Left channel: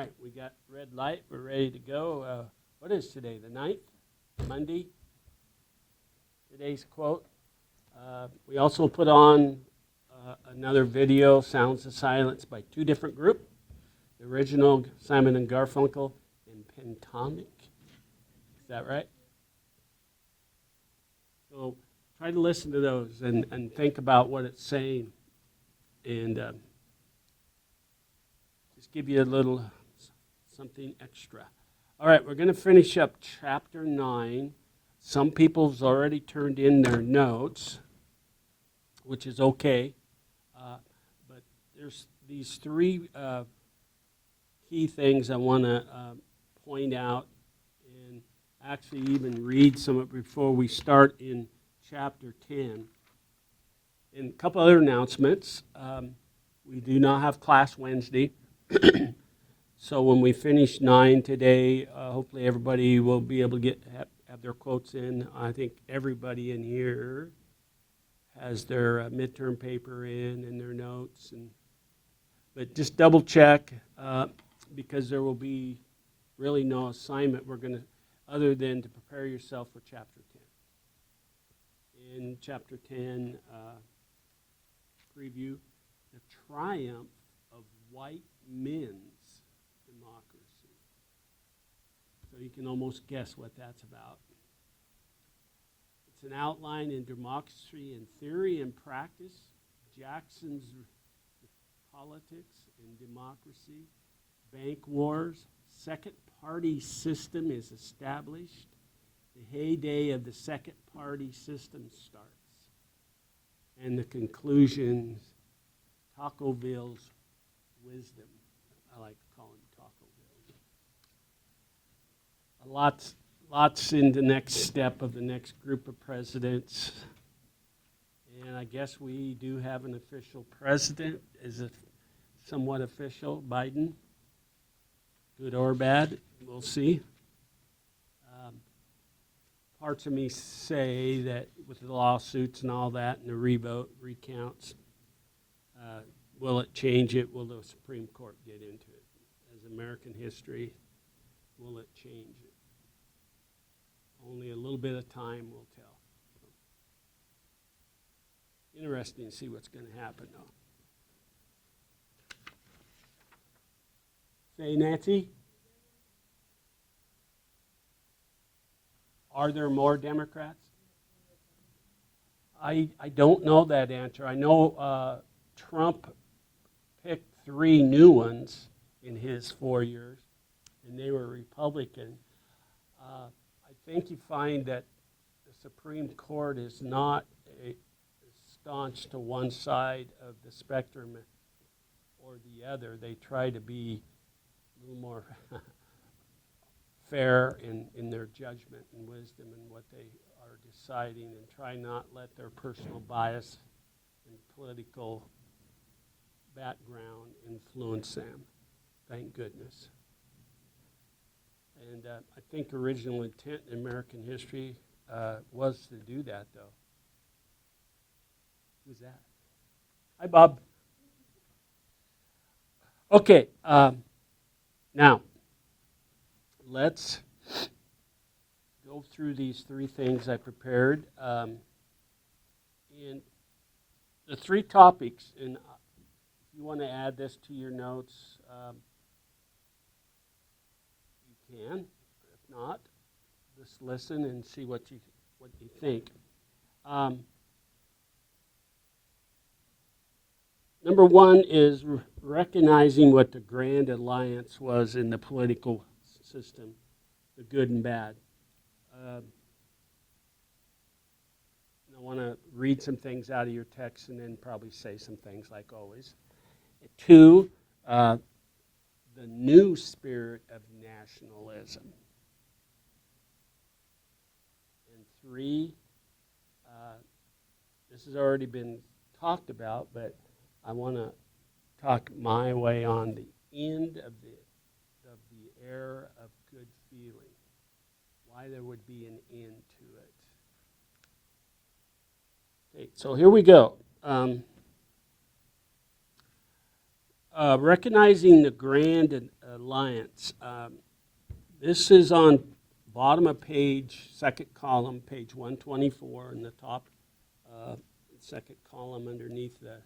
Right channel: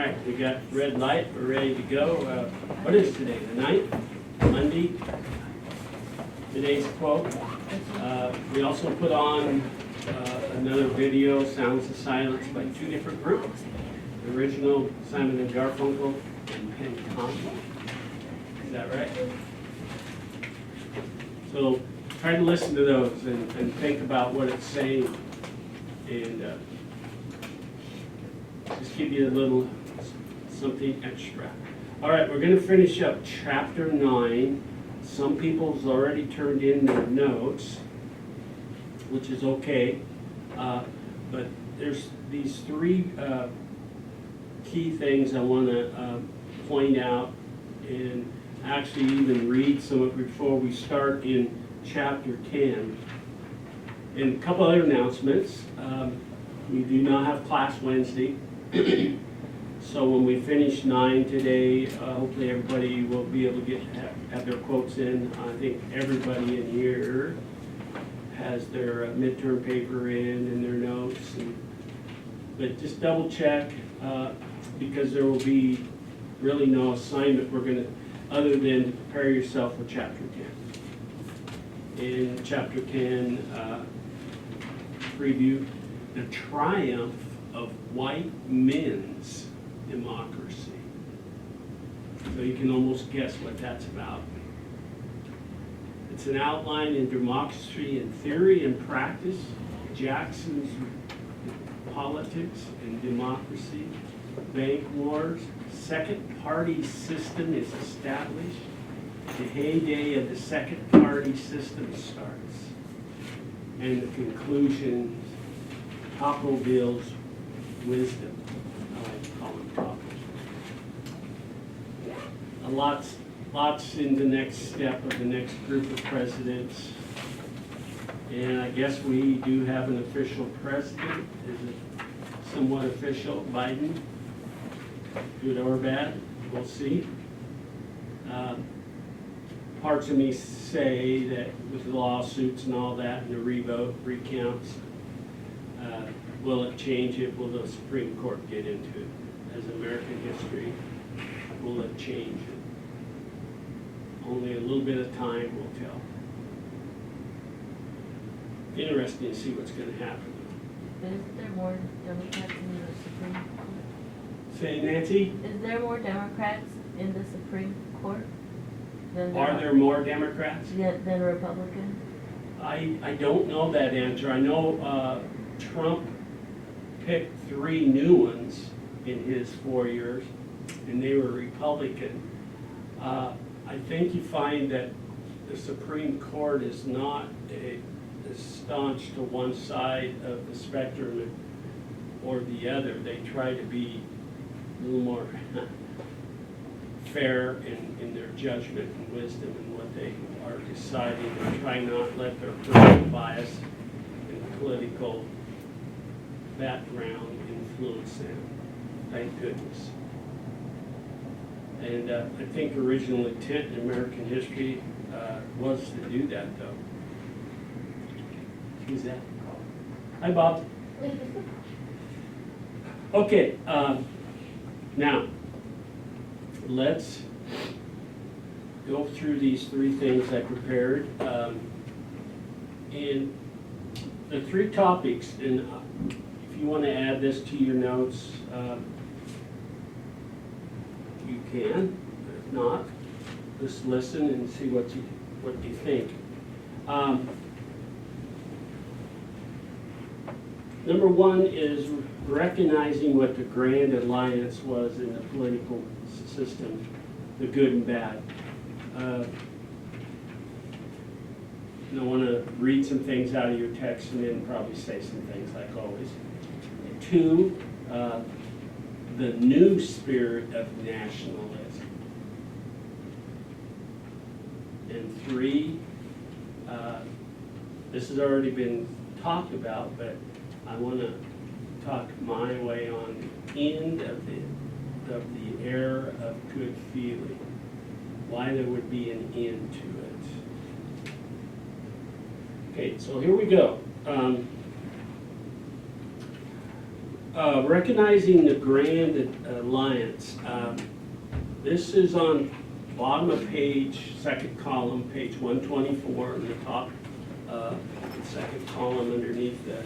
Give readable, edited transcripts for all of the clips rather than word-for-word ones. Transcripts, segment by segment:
right, we got red light, we're ready to go. What is today, the 9th? Monday? Today's quote. We also put on another video, Sounds of Silence, by two different groups. The original Simon and Garfunkel and Tom. Is that right? So try to listen to those and think about what it's saying, and just give you a little something extra. All right, we're going to finish up chapter 9. Some people's already turned in their notes, which is okay, but there's these three key things I want to point out and actually even read some of it before we start in chapter 10. And a couple other announcements. We do not have class Wednesday. So when we finish 9 today, hopefully everybody will be able to have their quotes in. I think everybody in here has their midterm paper in and their notes. But just double check, because there will be really no assignment other than prepare yourself for chapter 10. In chapter 10, preview the triumph of white men's democracy. So you can almost guess what that's about. It's an outline in Democracy in Theory and Practice, Jackson's Politics and Democracy, Bank Wars, Second Party System is established, the heyday of the Second Party System starts, and the conclusion, Tocqueville's wisdom. I like to call him Tocqueville. Lots in the next step of the next group of presidents. And I guess we do have an official president. Is it somewhat official, Biden? Good or bad? We'll see. Parts of me say that with lawsuits and all that, the recounts, will it change it? Will the Supreme Court get into it? As American history, will it change it? Only a little bit of time will tell. Interesting to see what's going to happen. Isn't there more Democrats in the Supreme Court? Say, Nancy? Is there more Democrats in the Supreme Court than Are there more Democrats? than Republicans? I don't know that answer. I know Trump picked 3 new ones in his 4 years, and they were Republican. I think you find that the Supreme Court is not as staunch to one side of the spectrum or the other. They try to be a little more fair in their judgment and wisdom in what they are deciding, and try not to let their personal bias and political background influence them. Thank goodness. And I think original intent in American history was to do that, though. Who's that? Hi, Bob. Okay, now let's go through these 3 things I prepared. And the 3 topics, and if you want to add this to your notes, you can. If not, just listen and see what you think. Number 1 is recognizing what the grand alliance was in the political system, the good and bad. I want to read some things out of your text and then probably say some things like always. 2, the new spirit of nationalism. And 3, this has already been talked about, but I want to talk my way on the end of the era of good feeling, why there would be an end to it. Okay, so here we go. recognizing the Grand Alliance. This is on bottom of page, second column, page 124, in the top second column underneath that.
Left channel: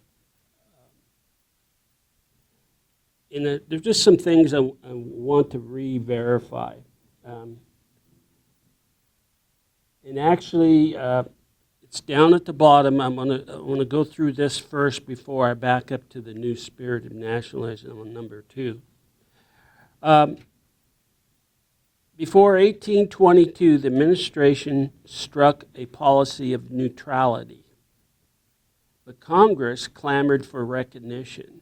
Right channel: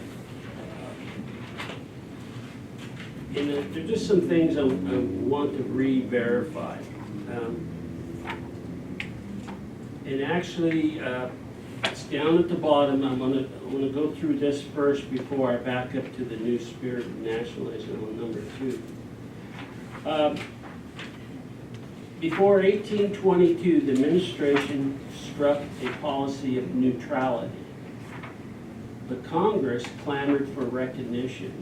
There's just some things I want to re-verify. And actually, it's down at the bottom. I want to go through this first before I back up to the new spirit of nationalism on number 2. Before 1822, the administration struck a policy of neutrality. The Congress clamored for recognition.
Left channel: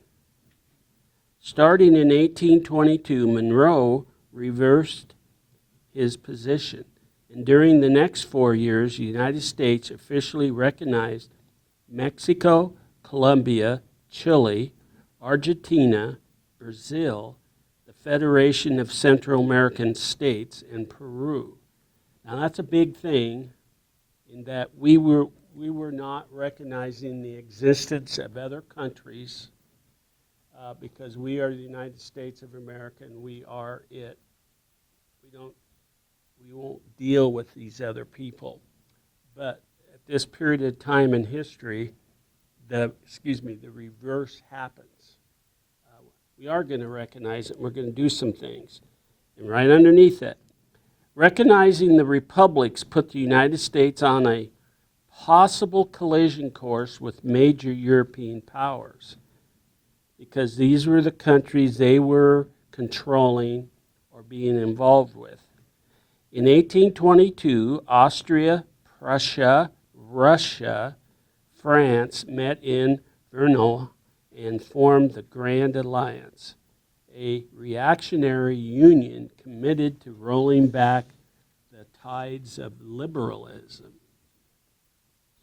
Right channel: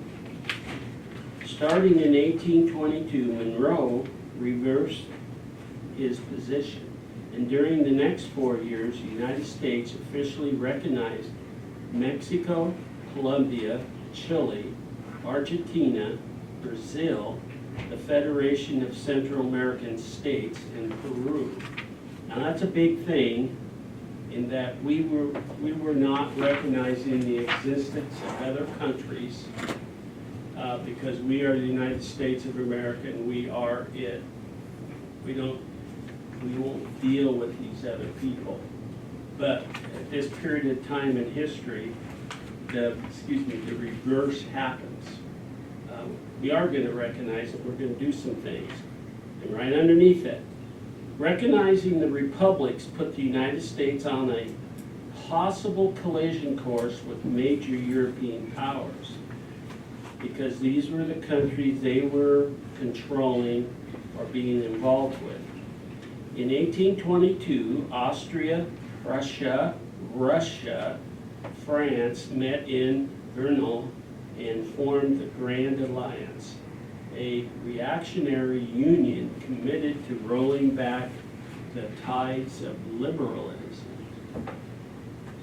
Starting in 1822, Monroe reversed his position, and during the next 4 years, the United States officially recognized Mexico, Colombia, Chile, Argentina, Brazil, the Federation of Central American States, and Peru. Now that's a big thing in that we were not recognizing the existence of other countries because we are the United States of America and we are it. We won't deal with these other people. But at this period of time in history, the reverse happens. We are going to recognize it. We're going to do some things. And right underneath it, recognizing the republics put the United States on a possible collision course with major European powers, because these were the countries they were controlling or being involved with. In 1822, Austria, Russia, France met in Brno and formed the Grand Alliance, a reactionary union committed to rolling back the tides of liberalism.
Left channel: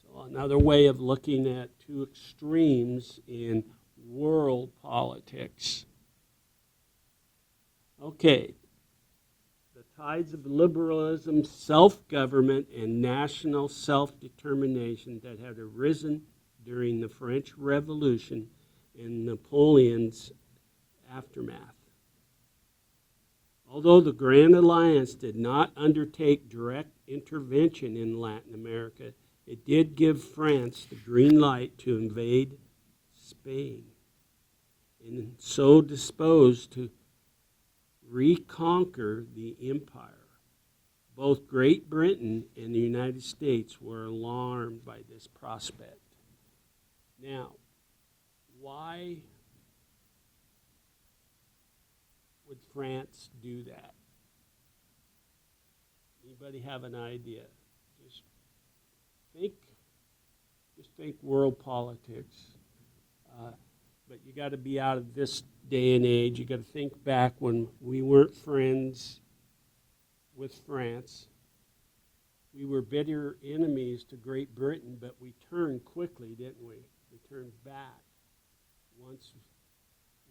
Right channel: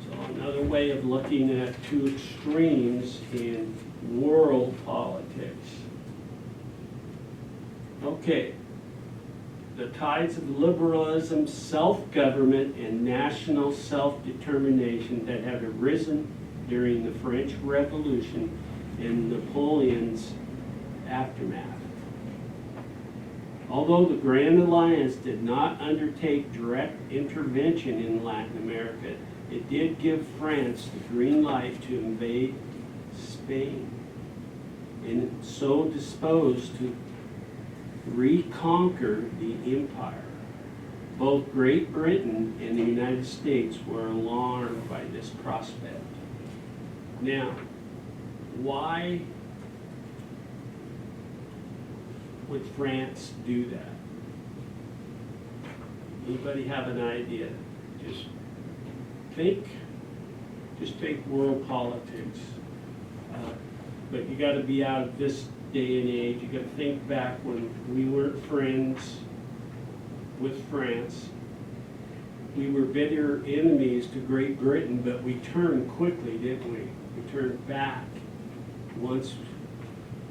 So another way of looking at two extremes in world politics. Okay. The tides of liberalism, self-government, and national self-determination that had arisen during the French Revolution and Napoleon's aftermath. Although the Grand Alliance did not undertake direct intervention in Latin America, it did give France the green light to invade Spain, and so disposed to reconquer the empire. Both Great Britain and the United States were alarmed by this prospect. Now, why would France do that? Anybody have an idea? Just think world politics. But you got to be out of this day and age. You got to think back when we weren't friends with France. We were bitter enemies to Great Britain, but we turned quickly, didn't we? We turned back once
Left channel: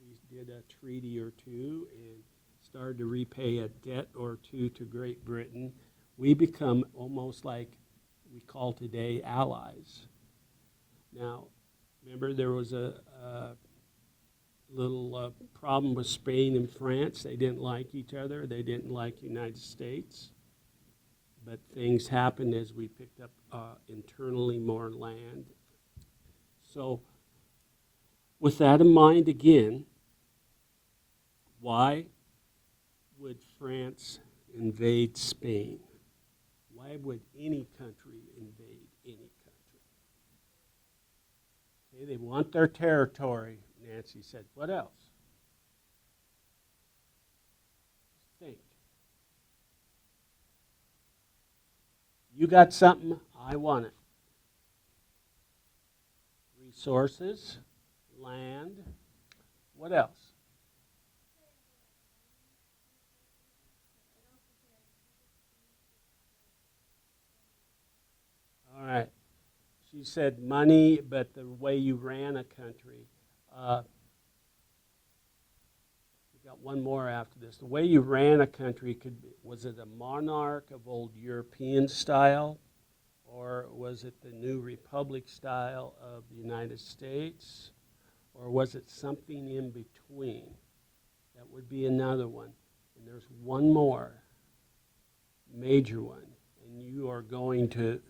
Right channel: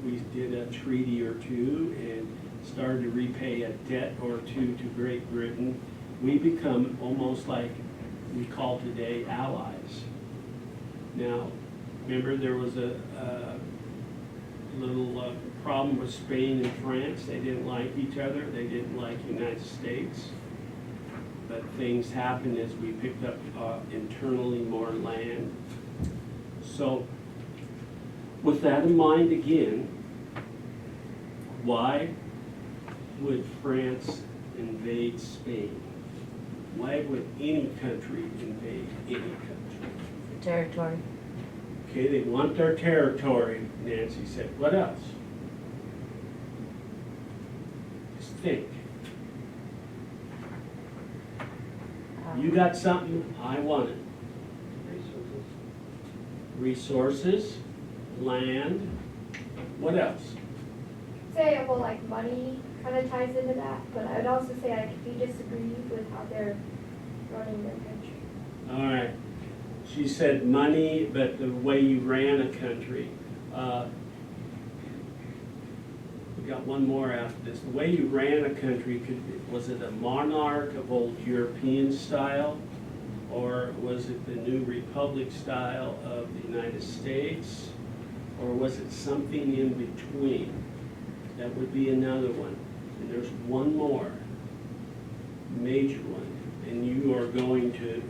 we did a treaty or two and started to repay a debt or two to Great Britain. We become almost like we call today allies. Now, remember there was a little problem with Spain and France. They didn't like each other. They didn't like the United States. But things happened as we picked up internally more land. So with that in mind again, why would France invade Spain? Why would any country invade any country? Territory. Okay, they want their territory, Nancy said. What else? Just think. You got something, I want it. Resources, land, what else? Say, well, like money kind of ties into that, but I would also say, like, if you disagree with how they're running their country. All right. She said money, but the way you ran a country. We got one more after this. The way you ran a country, was it a monarch of old European style, or was it the new republic style of the United States, Or was it something in between? That would be another one. And there's one more, major one, and you are going to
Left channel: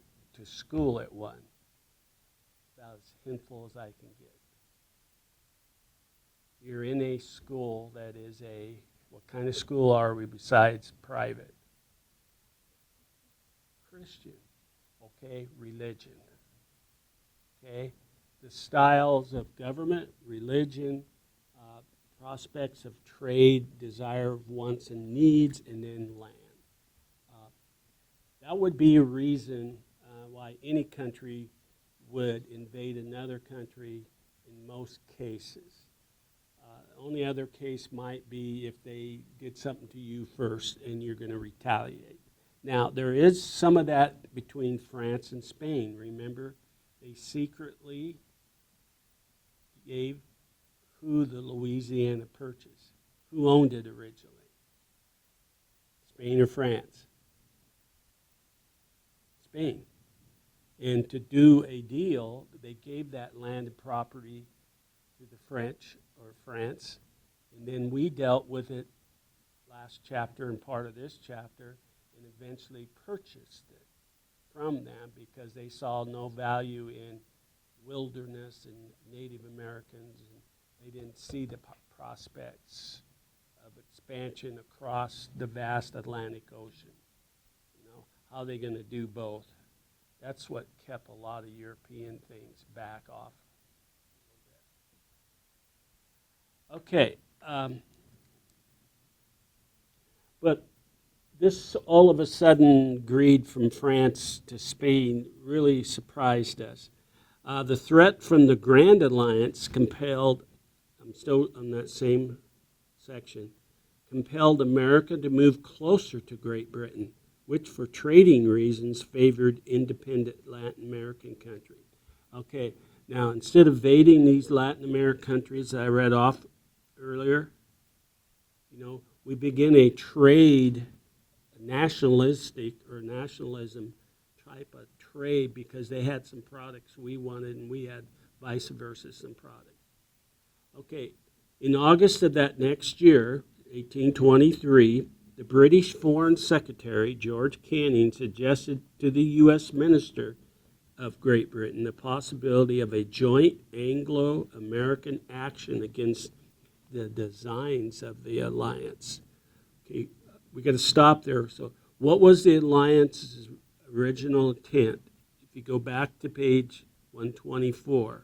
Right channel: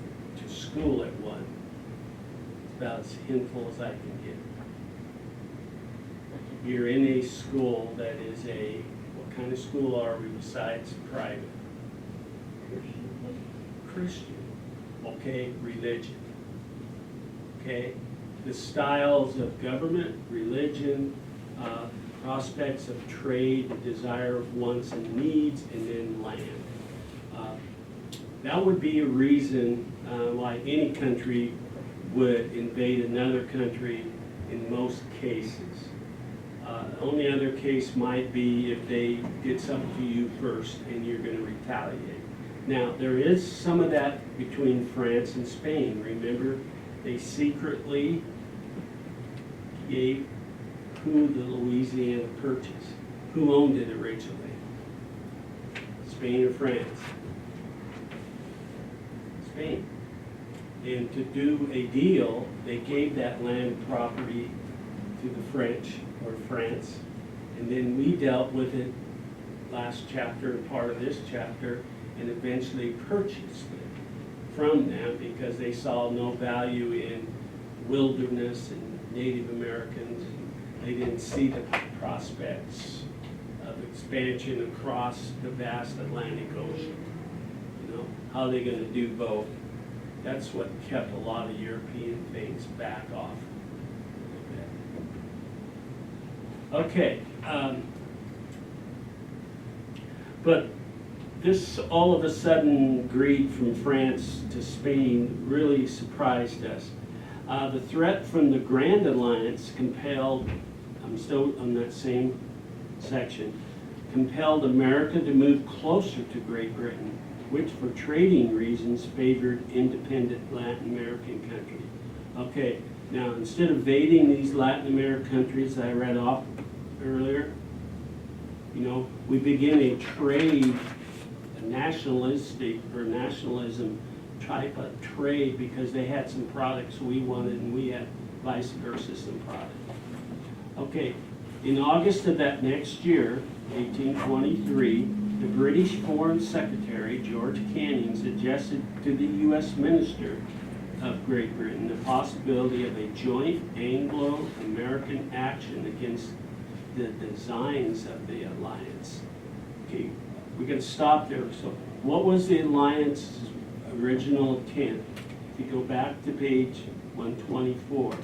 school at one. It's about as handful as I can get. You're in a school that is what kind of school are we besides private? Christian. Okay, religion. Okay, the styles of government, religion, prospects of trade, the desire of wants and needs, and then land. That would be a reason why any country would invade another country in most cases. The only other case might be if they get something to you first and you're going to retaliate. Now, there is some of that between France and Spain. Remember, they secretly gave who the Louisiana Purchase. Who owned it originally? Spain or France? Spain. And to do a deal, they gave that land property to the French or France, and then we dealt with it last chapter and part of this chapter, and eventually purchased it from them because they saw no value in wilderness and Native Americans. They didn't see the prospects of expansion across the vast Atlantic Ocean. You know, how are they going to do both? That's what kept a lot of European things back off a little bit. Okay, but this all of a sudden greed from France to Spain really surprised us. The threat from the Grand Alliance compelled, I'm still on that same section, compelled America to move closer to Great Britain, which for trading reasons favored independent Latin American countries. Okay, now instead of invading these Latin American countries that I read off earlier, you know, we begin a trade, a nationalistic or nationalism type of trade because they had some products we wanted and we had vice versa some products. Okay, in August of that next year, 1823, the British Foreign Secretary, George Canning, suggested to the U.S. Minister of Great Britain the possibility of a joint Anglo-American action against the designs of the alliance. Okay, we got to stop there. So, what was the alliance's original intent? If you go back to page 124.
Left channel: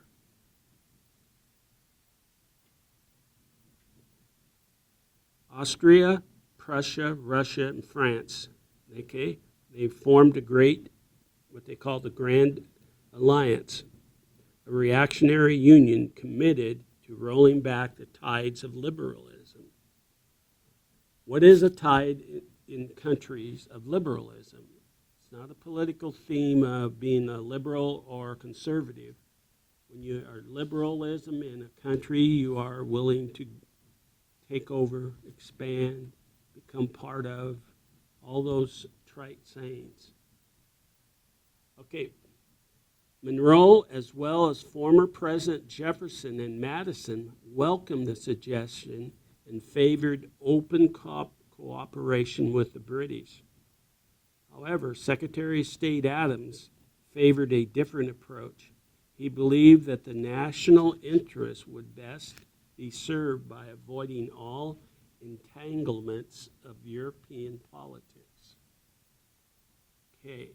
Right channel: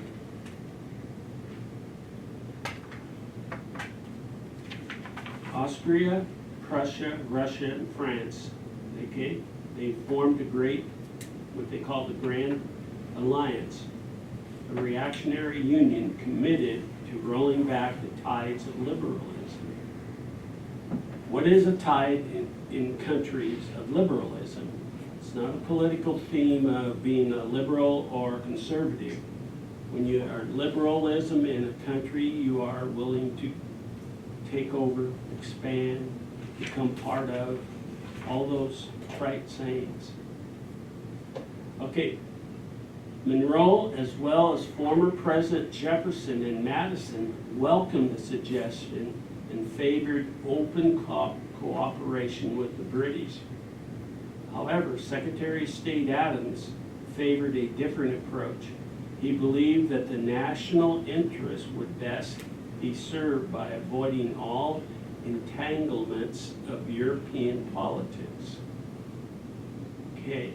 Austria, Prussia, Russia, and France, okay, they formed a great, what they call the Grand Alliance, a reactionary union committed to rolling back the tides of liberalism. What is a tide in countries of liberalism? It's not a political theme of being a liberal or conservative. When you are liberalism in a country, you are willing to take over, expand, become part of, all those trite sayings. Okay, Monroe, as well as former President Jefferson and Madison, welcomed the suggestion and favored open cooperation with the British. However, Secretary of State Adams favored a different approach. He believed that the national interest would best be served by avoiding all entanglements of European politics. Okay,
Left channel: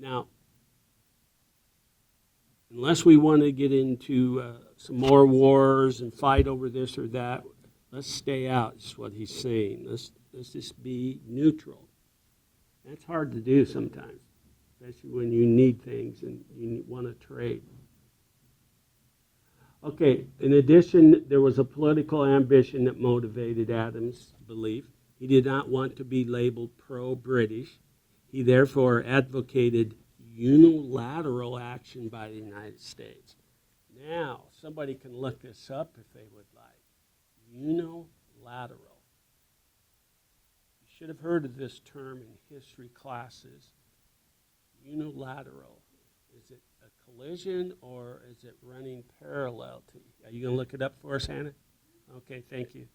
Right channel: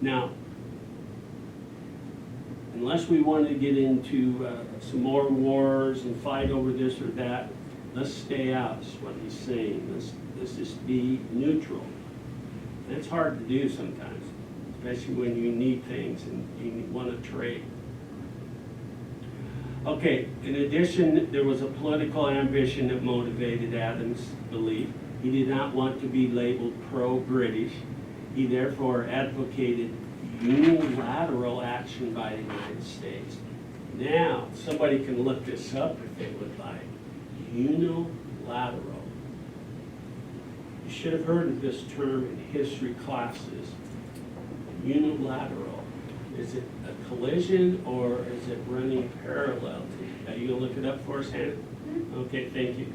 now, unless we want to get into some more wars and fight over this or that, let's stay out, is what he's saying. Let's just be neutral. That's hard to do sometimes, especially when you need things and you want to trade. Okay, in addition, there was a political ambition that motivated Adams' belief. He did not want to be labeled pro-British. He therefore advocated unilateral action by the United States. Now, somebody can look this up if they would like. Unilateral. You should have heard of this term in history classes. Unilateral. Is it a collision or is it running parallel to You gonna look it up for us, Hannah? Mhm. Okay, thank you.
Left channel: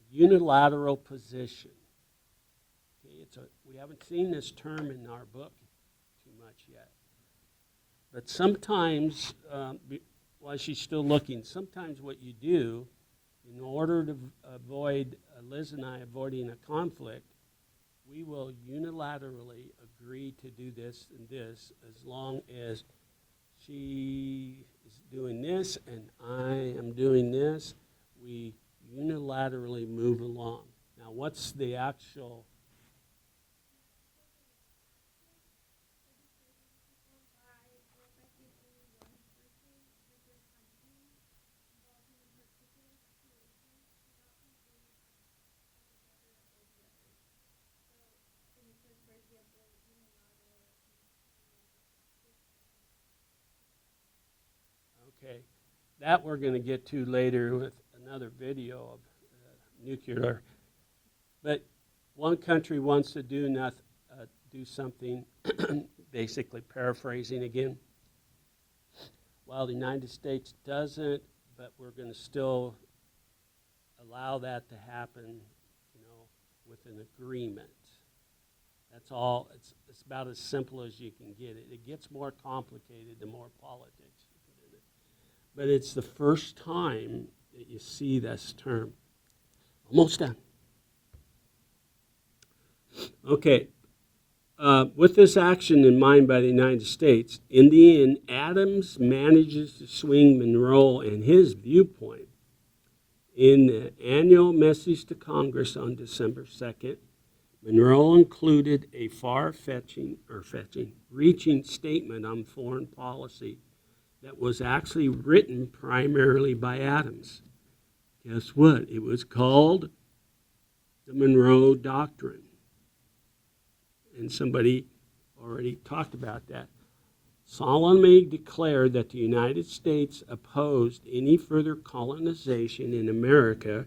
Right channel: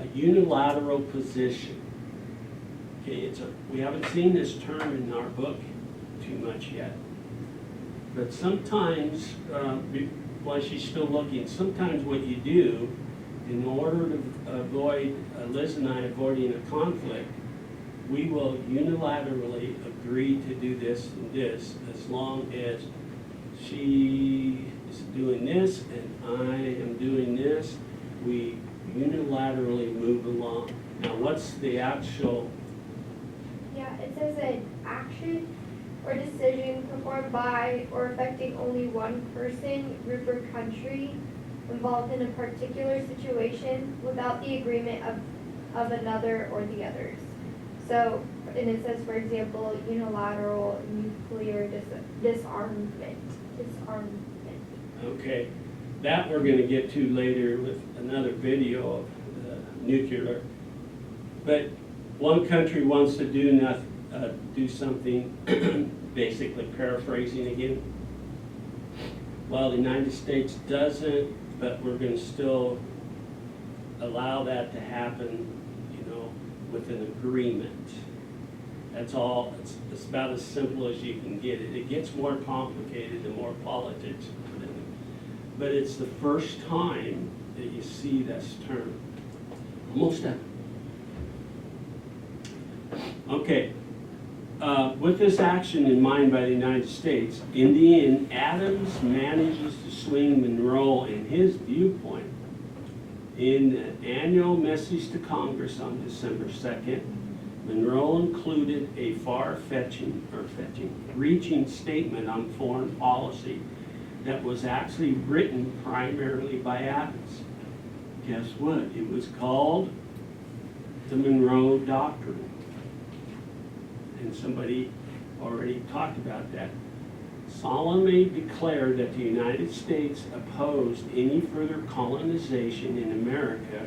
A unilateral position. Okay, we haven't seen this term in our book too much yet. But sometimes, while she's still looking, sometimes what you do, in order to avoid, Liz and I avoiding a conflict, we will unilaterally agree to do this and this, as long as she is doing this and I am doing this, we unilaterally move along. Now, what's the actual, Yeah, it says an action or decision performed by or affecting only one person, group, or country involved in a particular situation without the agreement of another or the others. So, and it says, for example, unilateral nuclear disarmament. okay, that we're gonna get to later with another video of nuclear. But one country wants to do something, basically paraphrasing again. Well, the United States doesn't, but we're gonna still allow that to happen, with an agreement. That's all, it's about as simple as you can get it. It gets more complicated the more politics you put in it. But it's the first time that you see this term. Almost done. Okay, with this action in mind by the United States, in the end, Adams manages to swing Monroe and his viewpoint in the annual message to Congress on December 2nd. Monroe included a reaching statement on foreign policy that was actually written primarily by Adams. Guess what? It was called the Monroe Doctrine. And somebody already talked about that. Solemnly declared that the United States opposed any further colonization in Americas,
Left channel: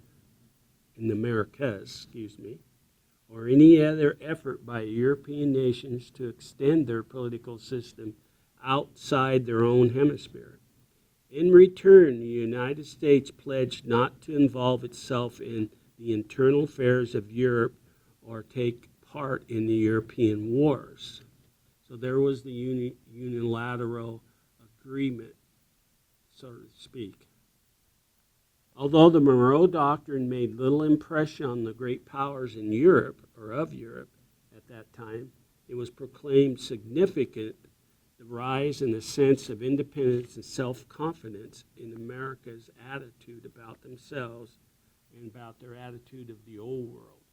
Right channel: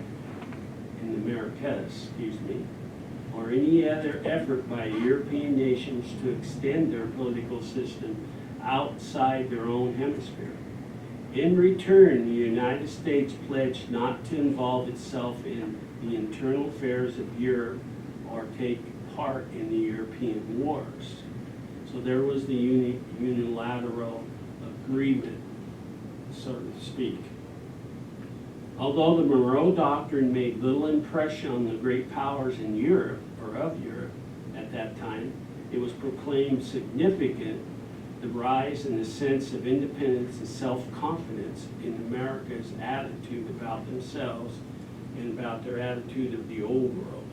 or any other effort by European nations to extend their political system outside their own hemisphere. In return, the United States pledged not to involve itself in the internal affairs of Europe or take part in the European wars. So there was the unilateral agreement, so to speak. Although the Monroe Doctrine made little impression on the great powers in Europe, or of Europe at that time, it was proclaimed significant, the rise in the sense of independence and self-confidence in America's attitude about themselves and about their attitude of the old world.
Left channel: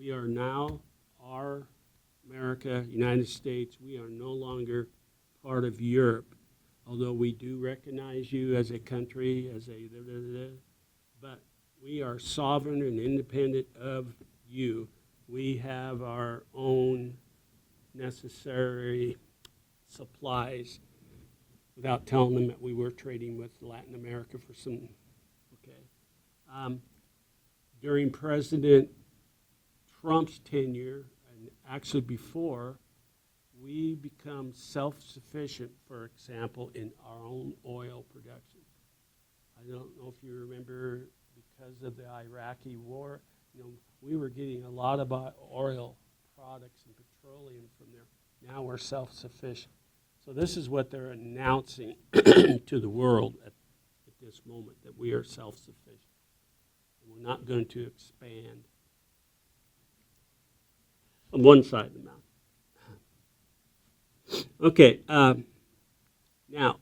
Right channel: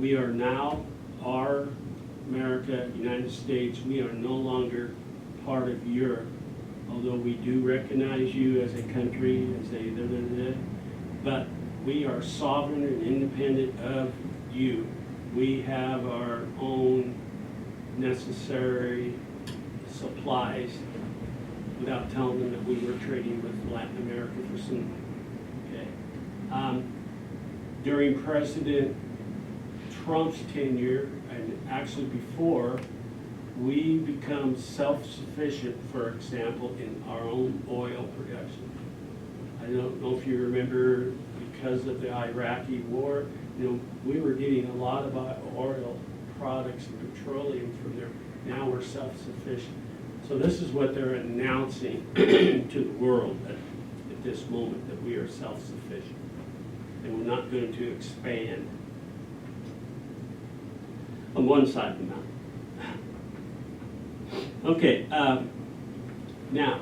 We are now, America, United States, we are no longer part of Europe, although we do recognize you as a country, but we are sovereign and independent of you. We have our own necessary supplies, without telling them that we were trading with Latin America for some, during President Trump's tenure, and actually before, we become self-sufficient, for example, in our own oil production. I don't know if you remember, because of the Iraqi war, we were getting a lot of our oil products and petroleum from there. Now we're self-sufficient. So this is what they're announcing to the world at this moment, that we are self-sufficient. And we're not going to expand on one side of the mountain. Okay, now,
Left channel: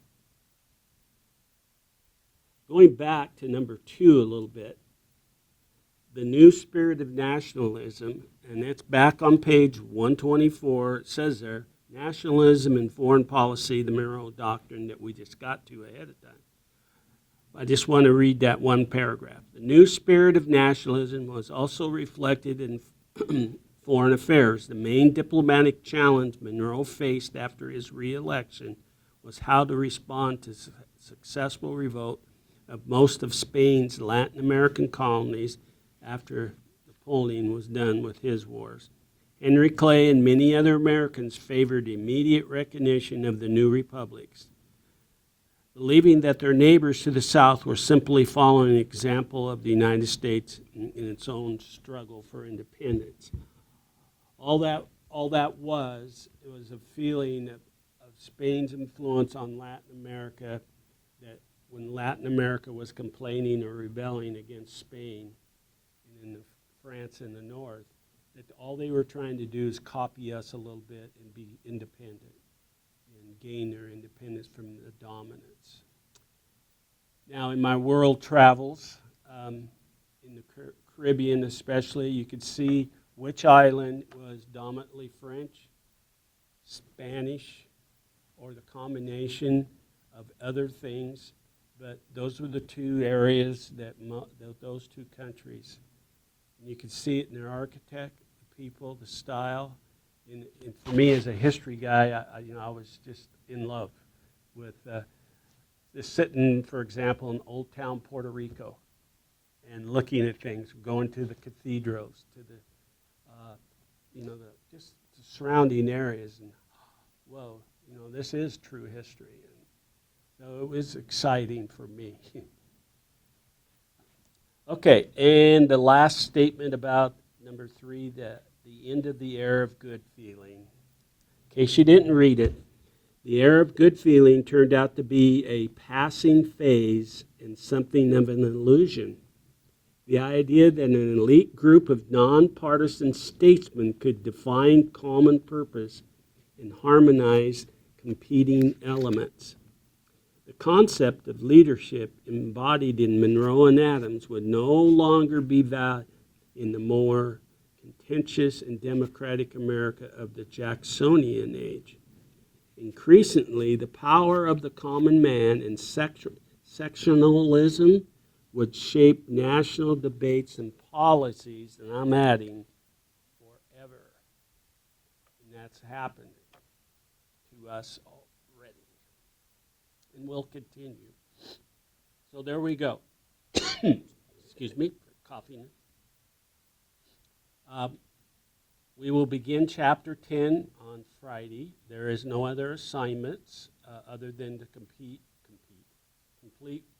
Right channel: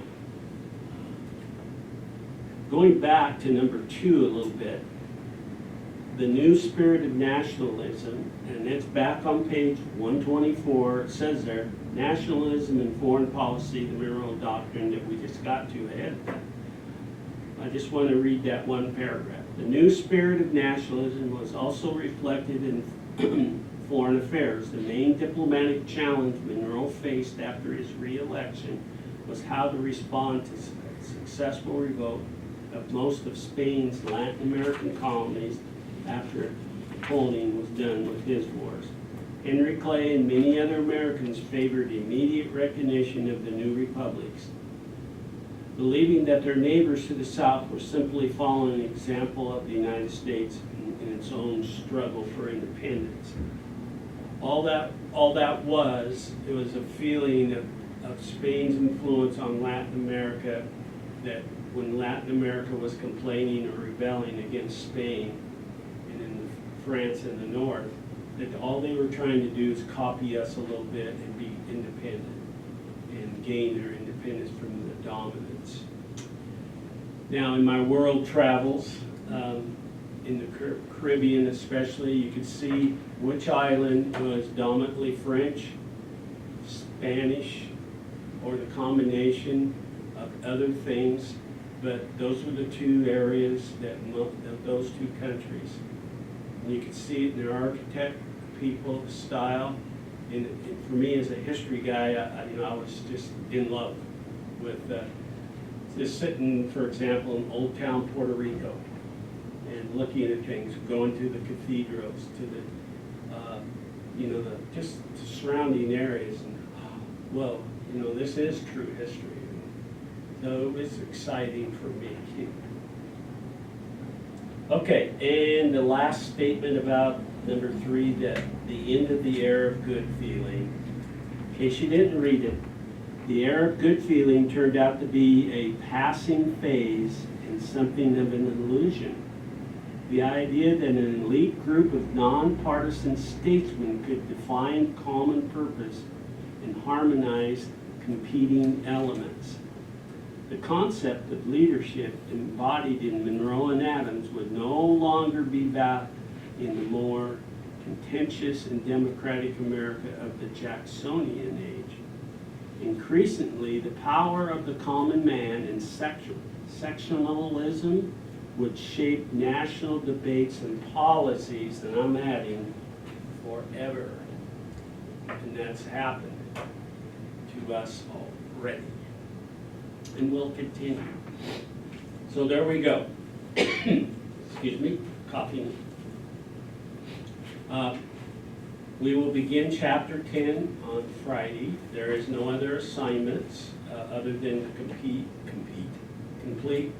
going back to number 2 a little bit, the new spirit of nationalism, and it's back on page 124, it says there, nationalism and foreign policy, the Monroe Doctrine that we just got to ahead of that. I just want to read that one paragraph. The new spirit of nationalism was also reflected in foreign affairs. The main diplomatic challenge Monroe faced after his re-election was how to respond to a successful revolt of most of Spain's Latin American colonies after Napoleon was done with his wars. Henry Clay and many other Americans favored immediate recognition of the new republics. believing that their neighbors to the south were simply following an example of the United States in its own struggle for independence. All that was, it was a feeling of Spain's influence on Latin America, that when Latin America was complaining or rebelling against Spain and in France in the north, that all they were trying to do is copy us a little bit and be independent and gain their independence from the dominance. Now, in my world travels, in the Caribbean especially, you can see which island was dominantly French, Spanish, or the combination of other things, but those were the two areas that those two countries. And you can see it in their architect, people, the style. And for me, as a history guy, I was just in love with just sitting, for example, in Old Town, Puerto Rico, and looking at things, going to the cathedrals, to the just the surrounding areas. And, whoa, this is true history. So it was exciting for me. Okay, and the last statement about number 3, that the end of the Arab good feeling. In case you didn't read it, the Arab good feeling turned out to be a passing phase and something of an illusion. The idea that an elite group of nonpartisan statesmen could define common purpose and harmonize competing elements. The concept of leadership embodied in Monroe and Adams would no longer be valid in the more contentious and democratic America of the Jacksonian age. Increasingly, the power of the common man and sectionalism would shape national debates and policies, and I'm adding, forever. And that's happened to us already. And will continue. So there we go. Excuse me, coughing. We will begin chapter 10 on Friday. There is no other assignments other than to complete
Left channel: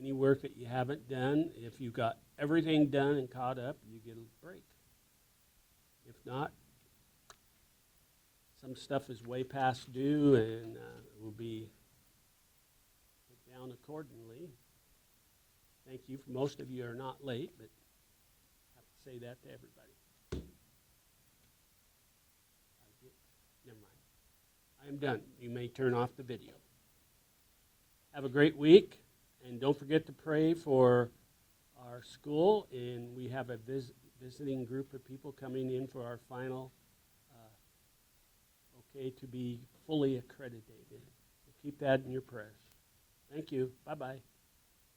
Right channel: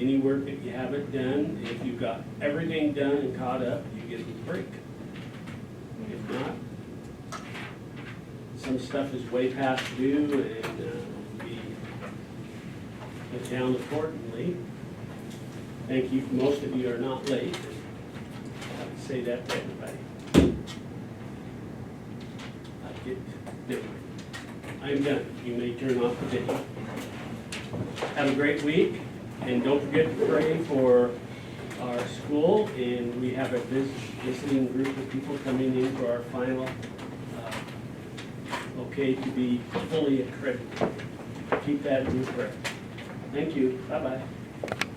any work that you haven't done. If you got everything done and caught up, you get a break. If not, some stuff is way past due and will be put down accordingly. Thank you. Most of you are not late. I have to say that to everybody. I'm done. You may turn off the video. Have a great week, and don't forget to pray for our school. And we have a visiting group of people coming in for our final okay to be fully accredited. Keep that in your prayer. Thank you. Bye-bye.